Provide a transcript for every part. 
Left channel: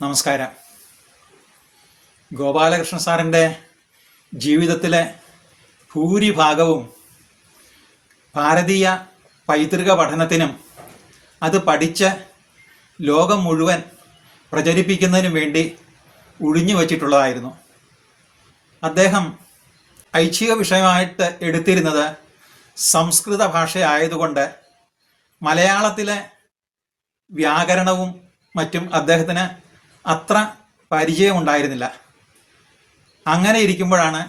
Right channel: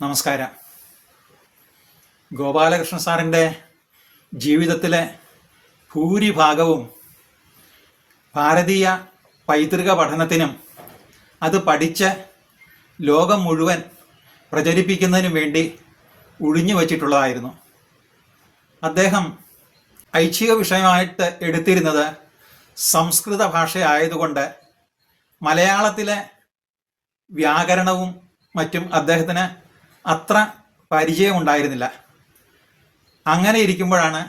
നമസ്കാരം. ഗോപാലകൃഷ്ണ സാറിന്റെ ജീവിതത്തിലെ ഭൂരിഭാഗവും ഭാരതീയ പൈതൃക പഠനത്തിനും അത് പഠിച്ച് ലോകം മുഴുവൻ പ്രചരിപ്പിക്കുന്നതിനു വേണ്ടി ഒഴിഞ്ഞു വച്ചിട്ടുള്ളതായിരുന്നു. അദ്ദേഹം ഐച്ഛിക വിഷയമായിട്ട് എടുത്തിരുന്നത് സംസ്കൃത ഭാഷയായതുകൊണ്ട് മലയാളത്തിലെ വ്യാകരണവും മറ്റും അദ്ദേഹത്തിന് അത്ര പരിചയം ഉണ്ടായിരുന്നില്ല അങ്ങനെ ഇരിക്കുമ്പോഴാണ്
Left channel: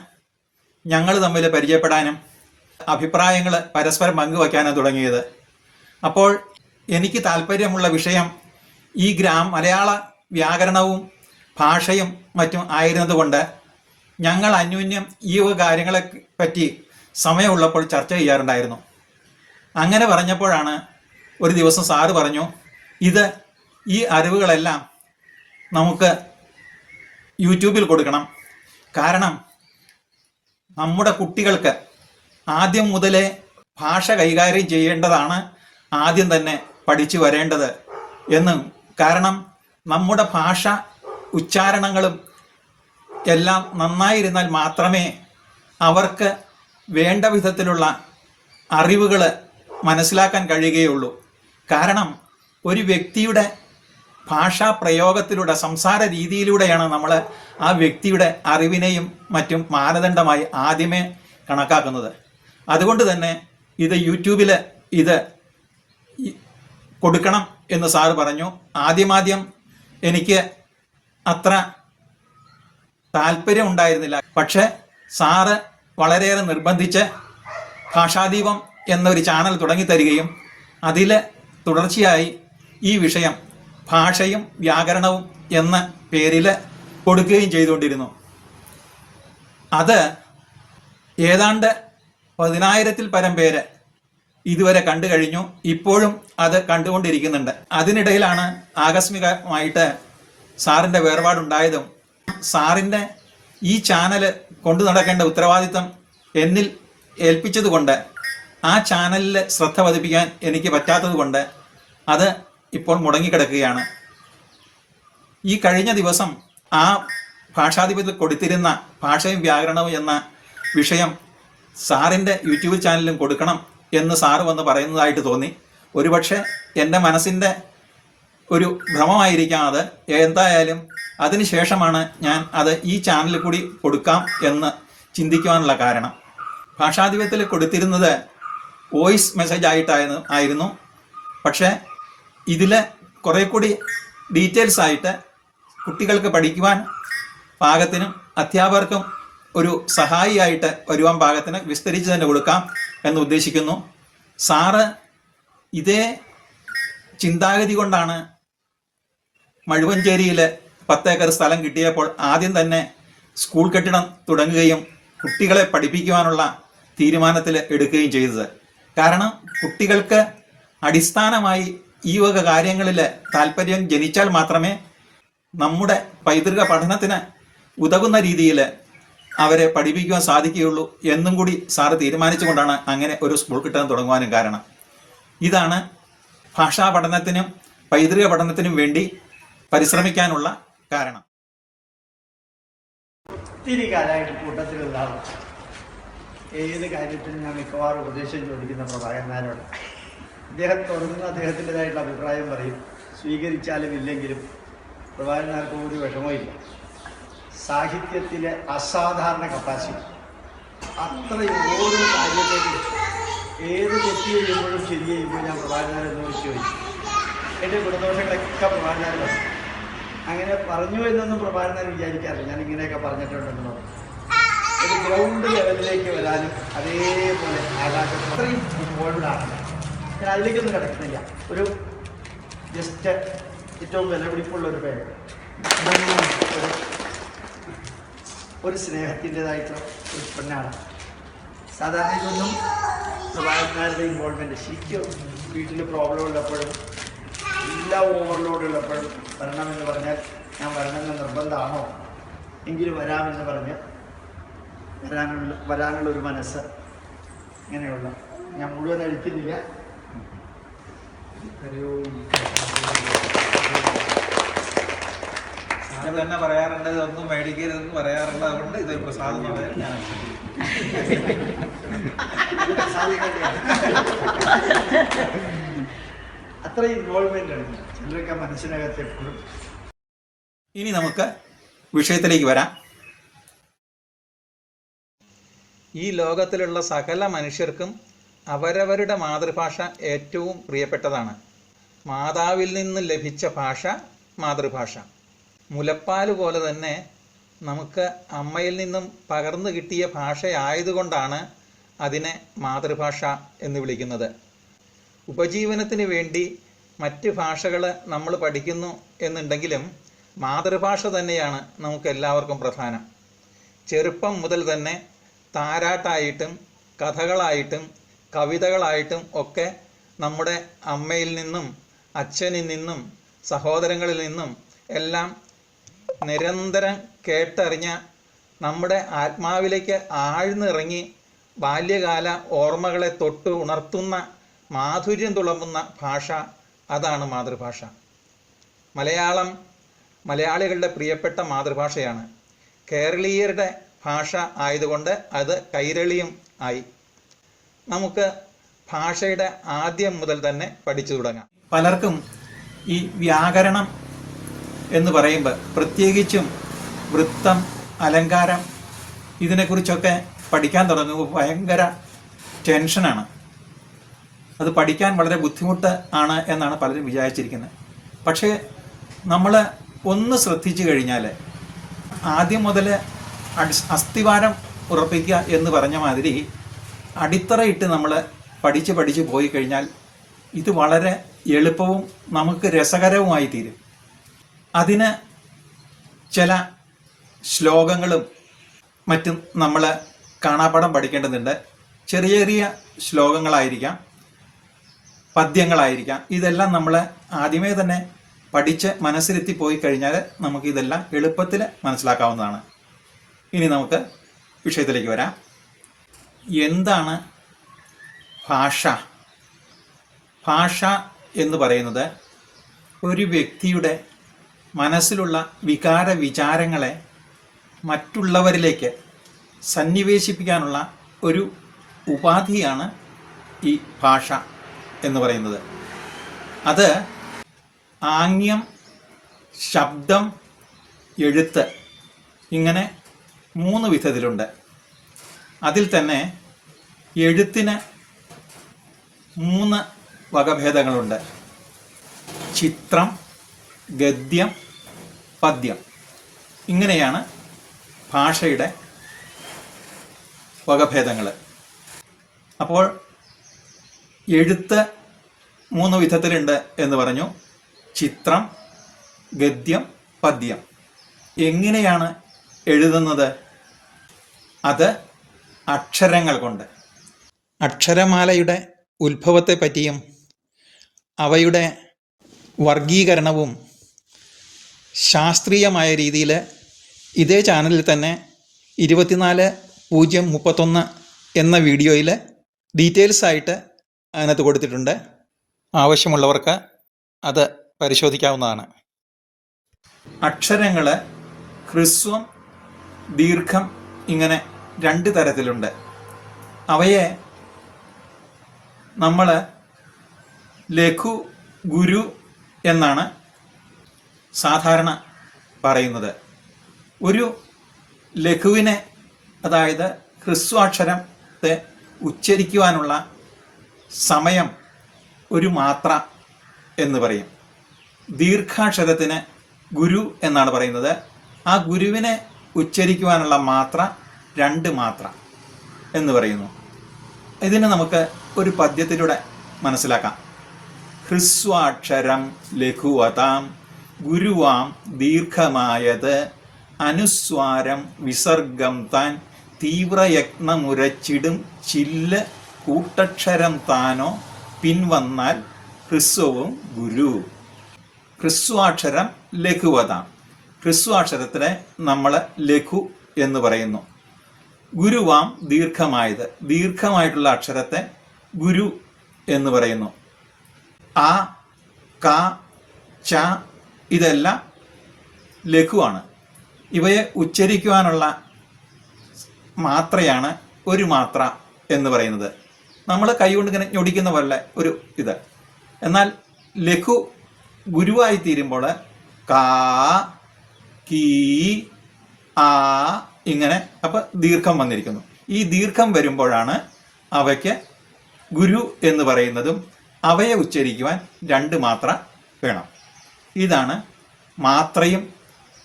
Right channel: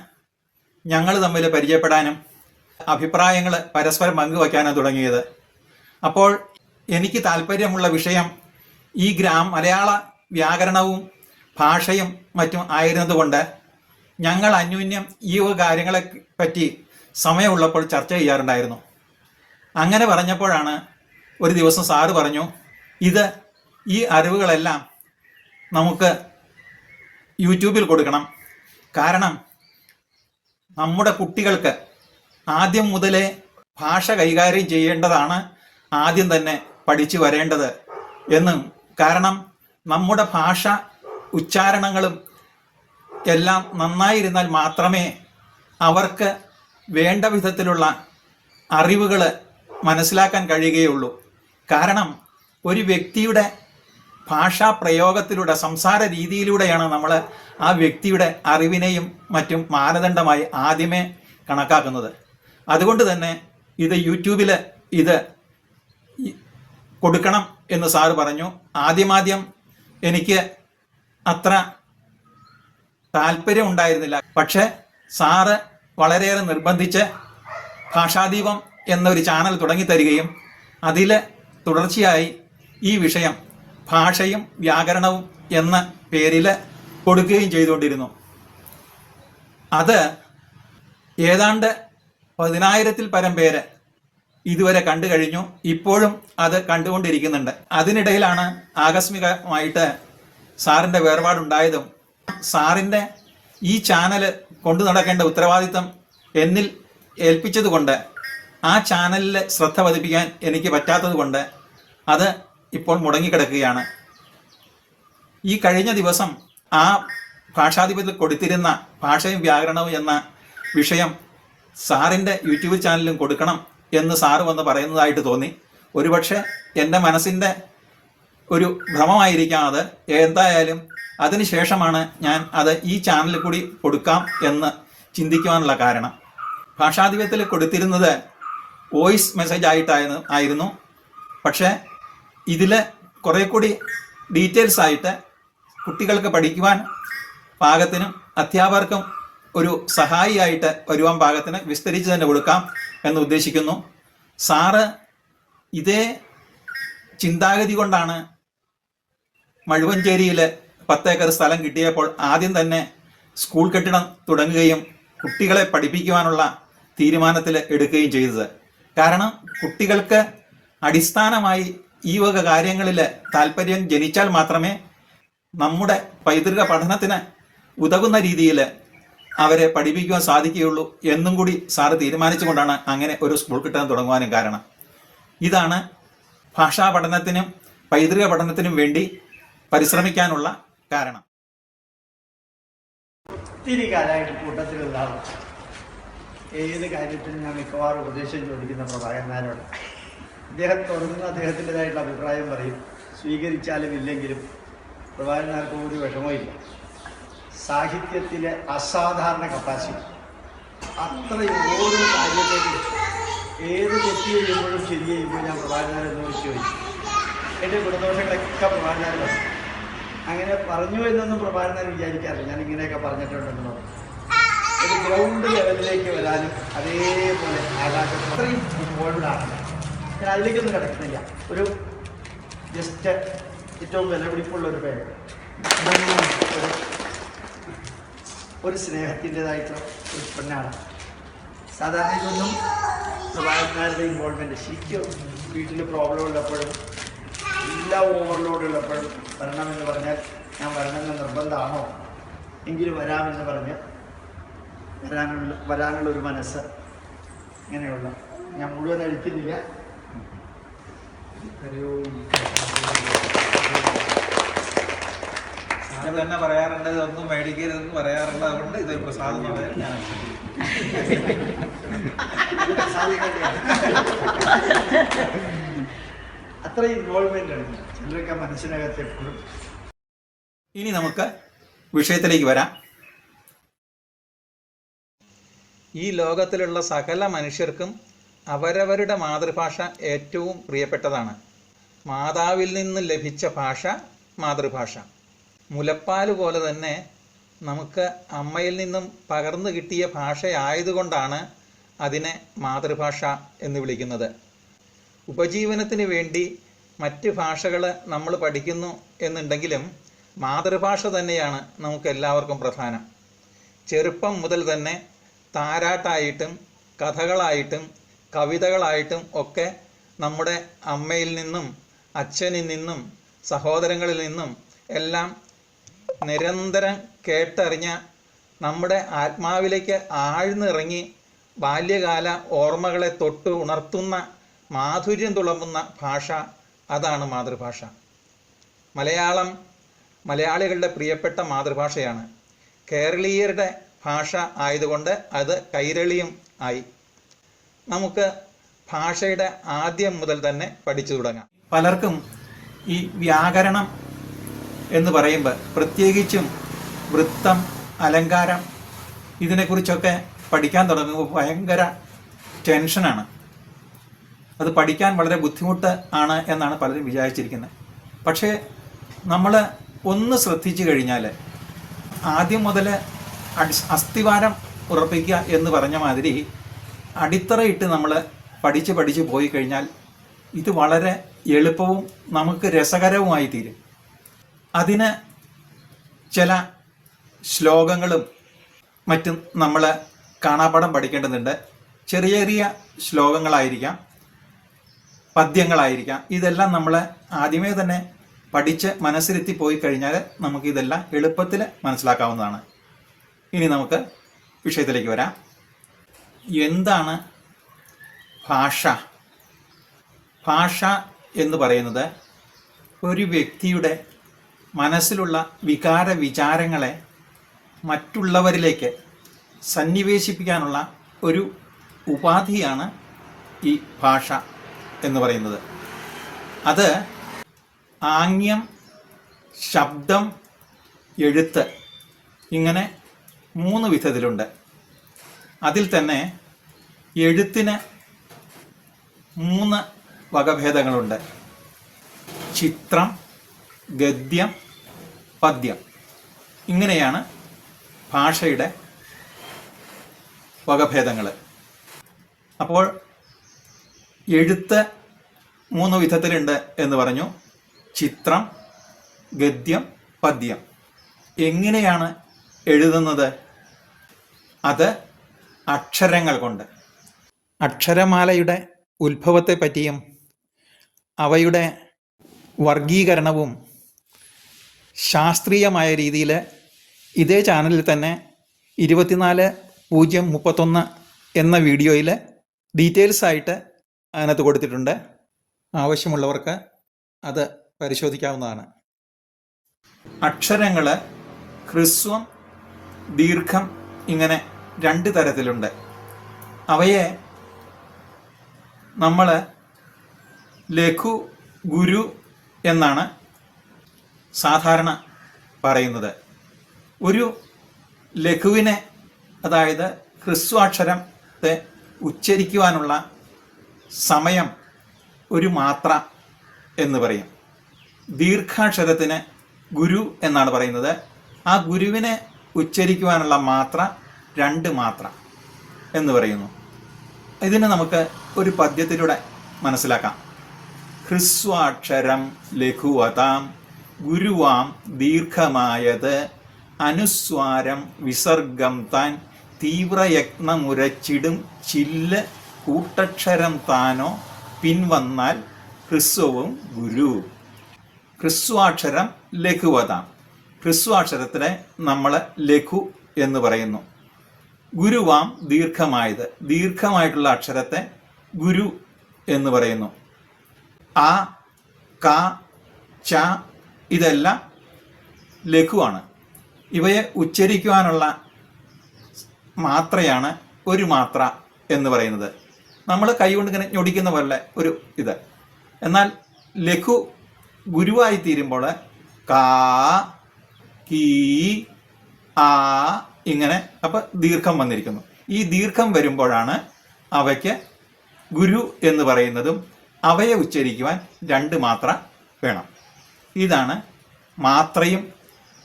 ഞങ്ങൾ തമ്മിൽ പരിചയപ്പെടാനും അഭിപ്രായങ്ങൾ പരസ്പരം പങ്കുവയ്ക്കാനും തുടങ്ങിയത്. അപ്പോൾ എനിക്ക് താല്പര്യമുള്ള വിഷയം ഈ ഗ്രാം മലയാള വ്യാകരണവും ഭാഷയും മറ്റും ആയിരുന്നതുകൊണ്ട് ഞങ്ങൾ അന്യോന്യം ഈ വക കാര്യങ്ങളെ പറ്റി സമയമുള്ളപ്പോൾ ചർച്ച ചെയ്യാറുണ്ടായിരുന്നു. അങ്ങനെ പറഞ്ഞപ്പോഴാണ് ഒരു ദിവസം സാറ് പറഞ്ഞു ഇത് ഈ അറിവുകളെല്ലാം നമുക്ക് യൂട്യൂബിൽ കൊടുക്കണം. കാരണം നമ്മുടെ കുട്ടികൾക്ക് ആദ്യം മുതലേ ഭാഷ കൈകാര്യം ചെയ്യേണ്ടതാണ് ആദ്യം തന്നെ പഠിച്ചു വരേണ്ടത് എന്നും. കാരണം നമ്മുടെ ഭാഷ ഉച്ചാരണങ്ങളും എല്ലാം നന്നായിരുന്നാൽ മാത്രമേ അവർക്ക് വേണ്ട വിധത്തിലുള്ള അറിവുകൾ മനസ്സിലാക്കാൻ കഴിയുകയുള്ളൂ. കാരണം ഒരു വ്യക്തിയുടെ ഭാഷാ പ്രയോഗത്തിലൂടെ സംസാര രീതിയിലൂടെയാണ് നമ്മൾ ആ വ്യക്തിയുടെ അറിവിനെയും മറ്റും മാനദണ്ഡമായി ആദ്യമേ കണക്കാക്കുന്നത്. അതുകൊണ്ട് തന്നെ ഇത് യൂട്യൂബിൽ ഇത് കൊടുക്കണം എന്ന് സാർ പറഞ്ഞു. ആദ്യമാദ്യം എനിക്ക് അത്ര താല്പര്യം ഉണ്ടായിരുന്നില്ല. പക്ഷെ സാറ് വളരെയേറെ നിർബന്ധിച്ച് ഭാഷാദീപം എന്നൊരു ചാനൽ തുടങ്ങി തരികയും അതിൽ തുടർച്ചയായി ഈ വിഷയം ഭാഷയും വ്യാകരണവും എന്ന പേരിൽ കൊടുക്കുകയും ചെയ്തുകൊണ്ടിരുന്നു. അത് ഏതാണ്ട് പതിനായിരത്തിൽ പരം പേര് ഇതുവരെ കണ്ടു കഴിഞ്ഞു. ഇപ്പോഴും അത് കണ്ടുകൊണ്ടിരിക്കുന്നുണ്ട്. അതിനിടയിലാണ് ആകസ്മികമായിട്ട് സാറിന്റെ വേർപാടുണ്ടായതും സാറിന്റെ ഈ ചാനൽ കൊണ്ടു നടക്കേണ്ട ഉത്തരവാദിത്തം എന്നിൽ ഏൽപ്പിച്ചതുകൊണ്ട് ആ ചാനലിൽ ശ്രദ്ധ പതിപ്പിക്കാൻ എനിക്ക് പറ്റാത്തത് കൊണ്ട് അത് ഇപ്പോൾ മുടങ്ങിക്കിടക്കുകയാണ്. ഈ കഴിഞ്ഞ ദിവസം ആ ഭാഷാധിപത്യത്തിൽ കൊടുത്തിരുന്ന ഭാഷയും വ്യാകരണവും എന്ന വിഷയം സാറിന്റെ യൂട്യൂബ് ചാനലിലും കൊടുക്കണം എന്ന് സാറ് വന്ന് പറയുന്നതായിട്ട് തോന്നി. ഒരുപക്ഷെ എന്റെ മനസ്സിന്റെ ഒരു ഭ്രമമായിരിക്കാം അത്. എന്തായാലും അതിനുശേഷമാണ് ഞാൻ അത് ഈ ചാനലിൽ കൂടി കൊടുക്കാം എന്ന് ചിന്തിക്കുവാനുള്ള കാരണം. ഭാഷാധിപത്യത്തിൽ കൊടുത്തിരുന്നത് വോയിസ് മെസ്സേജ് ആയിട്ടായിരുന്നു ആയിരുന്നു. പക്ഷേ ഇതിൽ കുറെ കൂടി ഡീറ്റെയിൽസ് ആയിട്ട് കുട്ടികൾക്ക് പഠിക്കുവാൻ പാകത്തിനും അധ്യാപകർക്കും ഒരു സഹായിയായിട്ട് വരുവാൻ പാകത്തിന് വിസ്തരിച്ച് തന്നെ കൊടുക്കാം എന്ന് ഉദ്ദേശിക്കുന്നു. സാറ് ഇതേ ചിന്താഗതി കൊണ്ടാണ് മഴുവഞ്ചേരിയിൽ പത്തേക്കർ സ്ഥലം കിട്ടിയപ്പോൾ ആദ്യം തന്നെ സ്കൂൾ കെട്ടിടം തുടങ്ങുകയും കുട്ടികളെ പഠിപ്പിക്കുവാനുള്ള തീരുമാനത്തിൽ എടുക്കുകയും ചെയ്തത്. കാരണം കുട്ടികൾക്ക് അടിസ്ഥാനമായി ഈ വക കാര്യങ്ങളിൽ താല്പര്യം ജനിച്ചാൽ മാത്രമേ നമ്മുടെ പൈതൃക പഠനത്തിന് ഉതകുന്ന രീതിയിൽ അവരെ പഠിപ്പിക്കുവാൻ സാധിക്കുകയുള്ളൂ എന്നും കൂടി സാറ് തീരുമാനിച്ചുകൊണ്ടാണ് അങ്ങനെ ഒരു സ്കൂൾ കിട്ടാൻ തുടങ്ങുവാനും കാരണം. ഇതാണ് ഭാഷാ പഠനത്തിനും പൈതൃക പഠനത്തിനും വേണ്ടി പരിശ്രമിക്കാനുള്ള കാരണം. ഒത്തിരി കാലമായിട്ട് കൂട്ടത്തിൽ ഉണ്ടാവും ഏത് കാര്യത്തിനും ഞാൻ മിക്കവാറും ഉപദേശം ചോദിക്കുന്ന പ്രഭാകരനാരോട് അദ്ദേഹം തുടങ്ങുന്ന അദ്ദേഹത്തിന്റെതായിട്ടുള്ള അഭിപ്രായം പറയും. സ്വീകരിച്ചാലും ഇല്ലെങ്കിലും പ്രഭാകരനാർക്ക് ഒരു വിഷമമില്ല സാഹിത്യത്തിലെ അസാധാരണ കപ്പാസിറ്റി അത്രയും ഓരോ കാര്യത്തേക്കും ഏത് തെറ്റ് ചെയ്യുമ്പോഴും ശരി ചെയ്യുമ്പോൾ ഞാൻ പ്രഭാകരനാരെന്ന് വിളിച്ചു ചോദിച്ചു. എന്റെ ഗുണദോഷങ്ങളൊക്കെ പ്രഭാകരനാർ അങ്ങനെ പറഞ്ഞു എന്നൊന്നും പ്രഭാകരനാർ വിചാരിക്കാറില്ല. ഞാൻ ഇങ്ങനെയൊക്കെ പറഞ്ഞിട്ടുണ്ടെന്ന് പറഞ്ഞു. ഒരു ഗ്രൗണ്ട് ലെവലിലേക്ക് വരാനും അതേപോലെ ആകാശം അത്രയും ഇൻവോൾവ്ഡാണ് ഞാൻ അതിലേക്കൊന്നും കിടക്കുന്നില്ല. ഒരു ജസ്റ്റ് ഏറ്റവും വിലപിടിപ്പുള്ള ഒരു പേര്. ഒരു സ്നേഹത്തിന്റെതായിട്ടുള്ള ഒരു പെണ്ണാണ്. സാധാരണ ഇതൊന്നും പ്രഭാകരന്മാരുടെ ഇൻവോൾവ്മെന്റ് ശരിക്കും വീട്ടിൽ പ്രോബ്ലം ഉള്ളപ്പോഴും എല്ലാ ഓവർലോഡ് ഉള്ളപ്പോഴും വരണമെന്ന് പറഞ്ഞാൽ ഞാൻ വരണമെന്ന് നിർബന്ധമാണോ? എങ്കിലും വരാമെന്ന് പറഞ്ഞ് വരാനുള്ള വരാനുള്ള ഒരു മനസ്സ് ഇങ്ങനെയുള്ള. ഞാൻ മുഴുവൻ അഴിക്കുന്നില്ല തന്നെ പറയാറുണ്ട് ഇതൊന്നും മേടിക്കരുതെന്ന് പറയാറുണ്ട് അതുകൊണ്ട് ഇതൊരു പ്രസാദമാണ് ഞാൻ അത്ര ഇൻവോൾവ്മെന്റ് ആണ്. ചിലരൊക്കെ മനസ്സിനകത്ത് എപ്പോഴും. ഇനി നമുക്ക് വിഷയത്തിലേക്ക് വരാം. ഈ ലോകത്തിലുള്ള സകല മനുഷ്യർക്കും അവരവരുടെ മാതൃഭാഷ ഏറ്റവും പ്രിയപ്പെട്ടതാണ്. മാതാവിൽ നിന്ന് ലഭിച്ച ഭാഷ മാതൃഭാഷ. മുലപ്പാൽ പോലെ തന്നെ നമുക്ക് അമ്മയിൽ നിന്നും പകർന്നു കിട്ടിയ ഭാഷയായതുകൊണ്ടാണ് അതിനെ മാതൃഭാഷ എന്ന് വിളിക്കുന്നത്. ഉപജീവനത്തിന് വേണ്ടി മറ്റ് ഭാഷകൾ നമ്മൾ പഠിക്കുന്നു എന്നുണ്ടെങ്കിലും മാതൃഭാഷ തന്നെയാണ് നമുക്ക് എല്ലാവർക്കും പ്രധാനം. ചെറുപ്പം മുതൽ തന്നെ താരാട്ടായിട്ടും കഥകളായിട്ടും കവിതകളായിട്ടും ഒക്കെ നമ്മുടെ അമ്മയിൽ നിന്നും അച്ഛനിൽ നിന്നും സഹോദരങ്ങളിൽ നിന്നും എല്ലാം നിരന്തരം കേട്ടറിഞ്ഞ നമ്മുടെ ആത്മാവിലേക്ക് ആഴ്ന്നിറങ്ങി ബാല്യകാല ഓർമ്മകളെ തൊട്ട് ഉണർത്തുന്ന മാധുര്യം തുളമ്പുന്ന ഭാഷ അതാണ് മാതൃഭാഷ. മലയാളം മലയാളികളുടെ പ്രിയപ്പെട്ട മാതൃഭാഷയാണ്. കേരളീയരുടെ ഭാഷ ആയതുകൊണ്ട് അത് കൈരളിയും ആയി. നമുക്ക് ഭാഷയുടെ ആദ്യം മുതൽ തന്നെ പഠിച്ചു തുടങ്ങാം. പലർക്കും ഈ വ്യാകരണം എന്ന് പറയുമ്പോൾ പ്രത്യേകിച്ചും വൃത്തം അലങ്കാരം ഇതിനെക്കുറിച്ചൊക്കെ പഠിക്കാൻ തുടങ്ങുമ്പോൾ ഭയങ്കര ടെൻഷനാണ് അത് പഠിക്കാൻ വളരെ ബുദ്ധിമുട്ട് ആണ് എന്നാണ് പലരും വിചാരിച്ചിരിക്കുന്നത്. പക്ഷേ നമ്മൾ ഒന്ന് ശ്രദ്ധിച്ചു കഴിഞ്ഞാൽ ആദ്യം മുതൽ അസ്ഥിവാരം ഉറപ്പിക്കുക എന്ന് പറഞ്ഞ മാതിരി അടിത്തറയിട്ട് നമ്മൾ പഠിച്ച് പഠിച്ച് പോയി കഴിഞ്ഞാൽ ഇത് വളരെ എളുപ്പവും നമുക്ക് രസകരവുമായി തീരും. അതിന് ചില ശ്ലോകങ്ങളും മറ്റും നമ്മൾ കാണാപാഠം പഠിക്കേണ്ടതുണ്ട്. ചെറിയ ചെറിയ ശ്ലോകങ്ങളായിരിക്കാം പദ്യങ്ങളായിരിക്കാം. ഇതെല്ലാം നമ്മൾ ആദ്യമേ തന്നെ പഠിച്ച് മനസ്സിലെത്തി പോയി കഴിഞ്ഞാൽ നമുക്കിതെല്ലാം എളുപ്പത്തിൽ മനസ്സിലാക്കാവുന്നതാണ്. ഇനി നമുക്ക് വിഷയത്തിലേക്ക് വരാം. എന്താണ് ഭാഷ? ഭാഷ എന്ന് പറയുന്നത് ഒരു വ്യക്തിയുടെ മനസ്സിലുള്ള വികാര വിചാരങ്ങളെ മറ്റുള്ളവരിലേക്ക് സന്നിവേശിപ്പിക്കാനുള്ള ഒരു ഉപാധിയാണ് ഈ ഭാഷ എന്ന് പറയുന്നത്. അത് ആംഗ്യം ശബ്ദം എഴുത്ത് ഇങ്ങനെ മൂന്ന് വിധത്തിലുണ്ട്. അതിൽ തന്നെ എഴുത്തിന് മൂന്ന് വകഭേദങ്ങളുണ്ട്. ചിത്രം ഗദ്യം പദ്യം. ഇങ്ങനെയാണ് ഭാഷയുടെ വകഭേദങ്ങൾ അപ്പോൾ എഴുത്ത് മൂന്ന് വിധത്തിലുണ്ട് എന്ന് പറഞ്ഞു. ചിത്രം ഗദ്യം പദ്യം. എങ്ങനെയാണ് എഴുതുന്നത്? അത് അക്ഷരങ്ങൾ കൊണ്ട്. അക്ഷരമാലയുടെ ഉത്ഭവത്തെ പറ്റിയും അവയുടെ വർഗീകരണവും ശാസ്ത്രീയമായ രീതിയിൽ ഇതേ ചാനലിൽ തന്നെ ഇരുപത്തിനാല് പൂജ്യം മുപ്പത്തൊന്ന് എന്ന വീഡിയോയിൽ ഡീറ്റെയിൽസ് ആയിട്ട് അതിനകത്ത് കൊടുത്തിട്ടുണ്ട്. ആവശ്യമുള്ളവർക്ക് അത് പരിശോധിക്കാവുന്നതാണ്. അക്ഷരങ്ങൾ ഹ്രസ്വം ദീർഘം ഇങ്ങനെ രണ്ട് തരത്തിലുണ്ട്. അവയെ നമ്മൾ ലഘു ഗുരു എന്നാണ് സാധാരണ പറയുന്നത്. ഒരു ലഘുവിനെ അതായത് ഹ്രസ്വാക്ഷരത്തെ ഉച്ചരിക്കുവാനുള്ള സമയം ഒരു മാത്ര എന്ന് പറയും. ദീർഘാക്ഷരത്തിന് ഗുരു എന്നാണ് പറയുന്നത്. ആ ഗുരുവിനെ ഉച്ചരിക്കുവാനുള്ള മാത്ര രണ്ട് മാത്രം എന്ന് പറയുന്നു. ഇതിനെ നമുക്ക് ഒരു പദ്യത്തിലൂടെ മനസ്സിലാക്കാം. ഹ്രസ്വാക്ഷരം ലഘുവതാം ഗുരുവാം ദീർഘമായത്. അനുസ്വാരം വിസർഗം താൻ തീവ്രയത്നമുരച്ചിടും ചില്ല് കൂട്ടക്ഷരം താനോ പിൻവന്നാൽ ഹ്രസ്വവും ഗുരു. ഹ്രസ്വാക്ഷരം ലഘുവതാം. ഹ്രസ്വാക്ഷരത്തിനെ നമ്മൾ ലഘു എന്ന് പറയുന്നു. ഗുരുവാം ദീർഘമായത്. ദീർഘമായിട്ടുള്ള അക്ഷരത്തെ ഗുരു എന്ന് പറയുന്നു. ആ ക ച ഇതെല്ലാം ലഘുവാണ്. ഇവയെ ഉച്ചരിക്കുവാനുള്ള മാത്രയാണ് ഒരു മാത്ര എന്ന് പറയുന്നത്. നമ്മൾ കൈകൊണ്ട് ഇങ്ങനെ ഞൊടിക്കുന്ന പോലെ ഒരു ഇത്. എന്നാൽ ലഘു ഗുരുവായി തീരുമ്പോൾ കാ കീ ആ ഇങ്ങനെ അപ്പം ദീർഘം വന്നിരിക്കുന്നു. ഈ ദീർഘം വരുമ്പോഴാണ് അവയ്ക്ക് ഗുരു എന്ന് പറയുന്നതും അവയെ ഉച്ചരിക്കുവാൻ രണ്ട് മാത്ര വേണം. ഇതാണ് മാത്രയും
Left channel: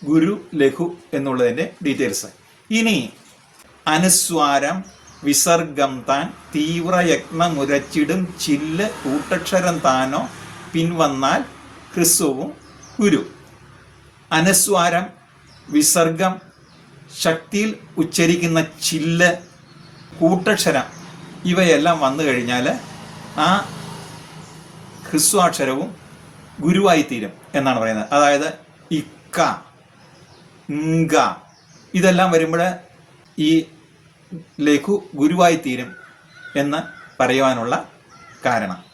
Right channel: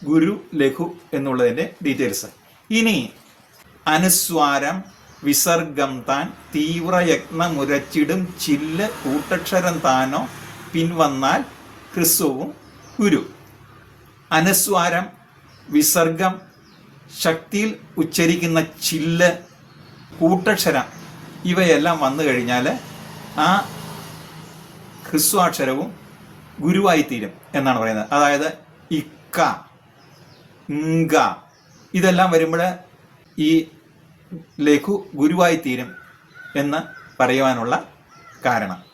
ഗുരു ലഘു എന്നുള്ളതിന്റെ ഡീറ്റെയിൽസ്. ഇനി അനുസ്വാരം വിസർഗം താൻ തീവ്രയത്നമുരച്ചിടും ചില്ല് കൂട്ടക്ഷരം താനോ പിൻവന്നാൽ ക്രിസ്തുവും ഗുരു. അനുസ്വാരം വിസർഗം ശക്തിയിൽ ഉച്ചരിക്കുന്ന ചില്ല് കൂട്ടക്ഷരം ഇവയെല്ലാം വന്നു കഴിഞ്ഞാൽ ആ ഹ്രസ്വാക്ഷരവും ഗുരുവായിത്തീരും എന്നാണ് പറയുന്നത്. അതായത് ഇക്കങ്ക ഇതെല്ലാം വരുമ്പോൾ ഈ ലഘു ഗുരുവായിത്തീരും എന്ന് പറയുവാനുള്ള കാരണം.